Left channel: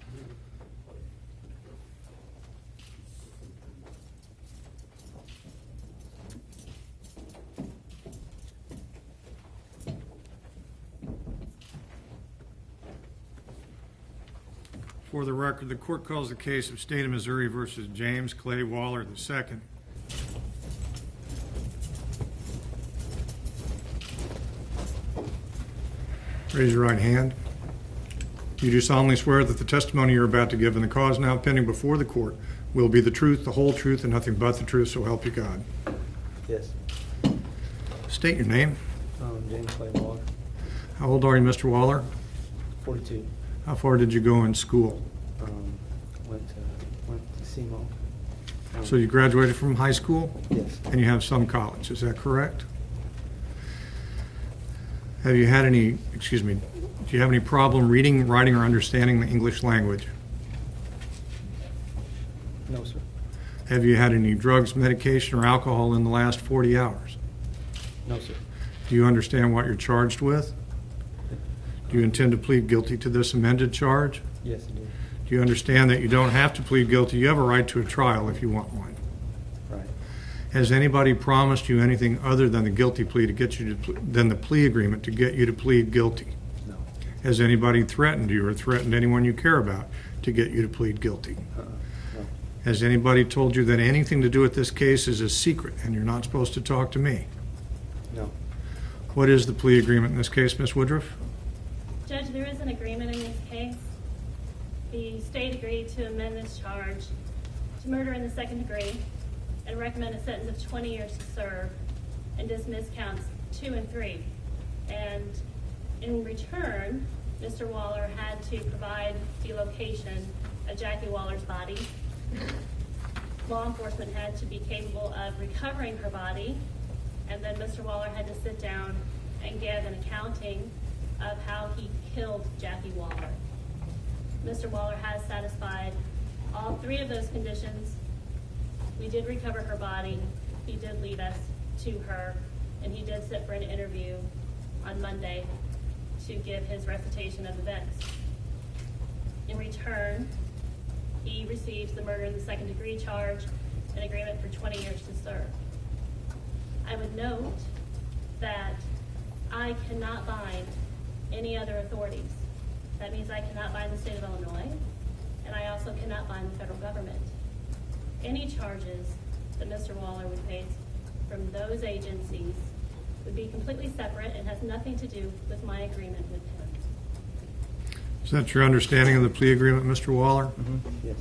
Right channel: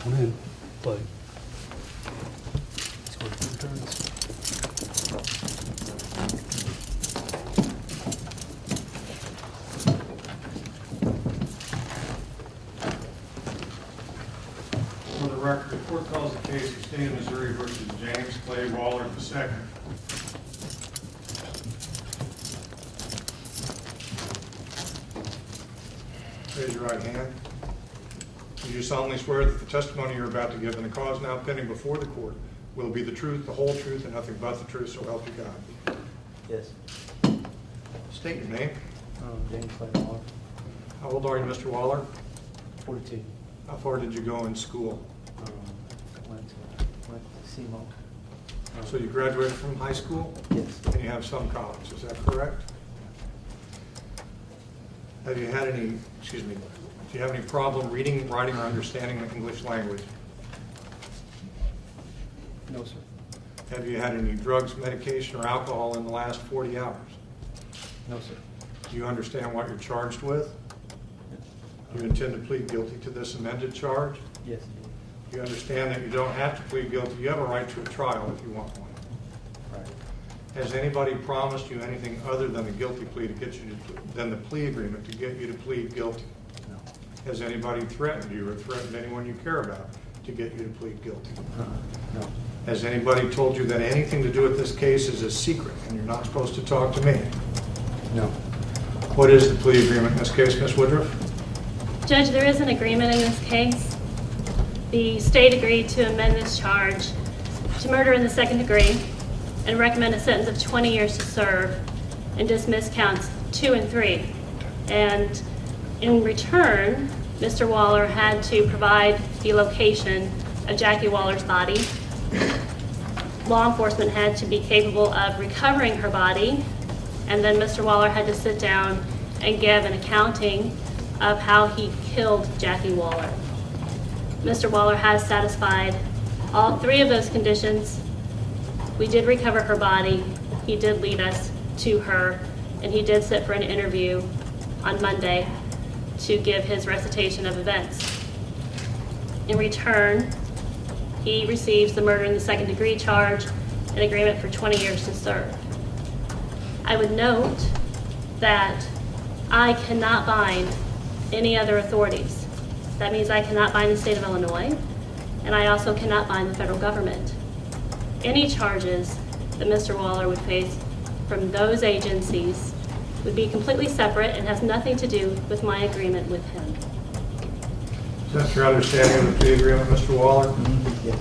Come in, play. Score 4 turns. For the record, the court calls the case of State of Missouri versus James Clay Waller II. Raise your right hand. You do solemnly swear that the testimony you're about to give in the cause now pending before the court will be the truth, the whole truth, and nothing but the truth, so help you God. Yes. State your name. James Clay Waller, How old are you, Mr. Waller? 42. How far did you go in school? Went to SEMO. So you graduated from high school Yes. and you have some college, is that correct? Have you had any, excuse me, do you have any problem reading, writing, or understanding the English language? No, sir. Have you had any drugs, medication, or alcohol in the last 40 hours? No, sir. Do you understand what you're charged with? Do you intend to plead guilty to this amended charge? Yes, I did. Do you understand that you don't have to plead guilty? You have a right to a trial if you want one. Right. Has anybody promised you anything other than the guilty plea to get you to, than the plea agreement to get you to plead guilty? No. Has anybody threatened you or threatened anyone you care about to get you to plead guilty? No. Has anybody told you that anything to do with this case is a secret and you're not supposed to talk to me? No. What is the plea agreement in this case, Ms. Woodruff? Judge, there is an agreement in this case. The state agreed to amend this charge to murder in the second degree and recommend a sentence of 20 years to serve and dismiss counts 2 and 3. And in return, Mr. Waller had to provide the location of Jackie Waller's body. Law enforcement had to be capable of recovering her body, and then Mr. Waller had to sit down and give an accounting of how he killed Jackie Waller. Mr. Waller has satisfied all 3 of those conditions. We did recover her body. He did lead us to her, and he did sit for an interview on Monday to give his recitation of events. In return, he receives the murder in the second degree charge, an agreement for 20 years to serve. I would note that I cannot bind any other authorities. That means I cannot bind the state of Illinois, and I also cannot bind the federal government. Any charges that Mr. Waller would face from those agencies would be completely separate and has nothing to do with my agreement with him. Is that your understanding of the plea agreement, Mr. Waller? Yes.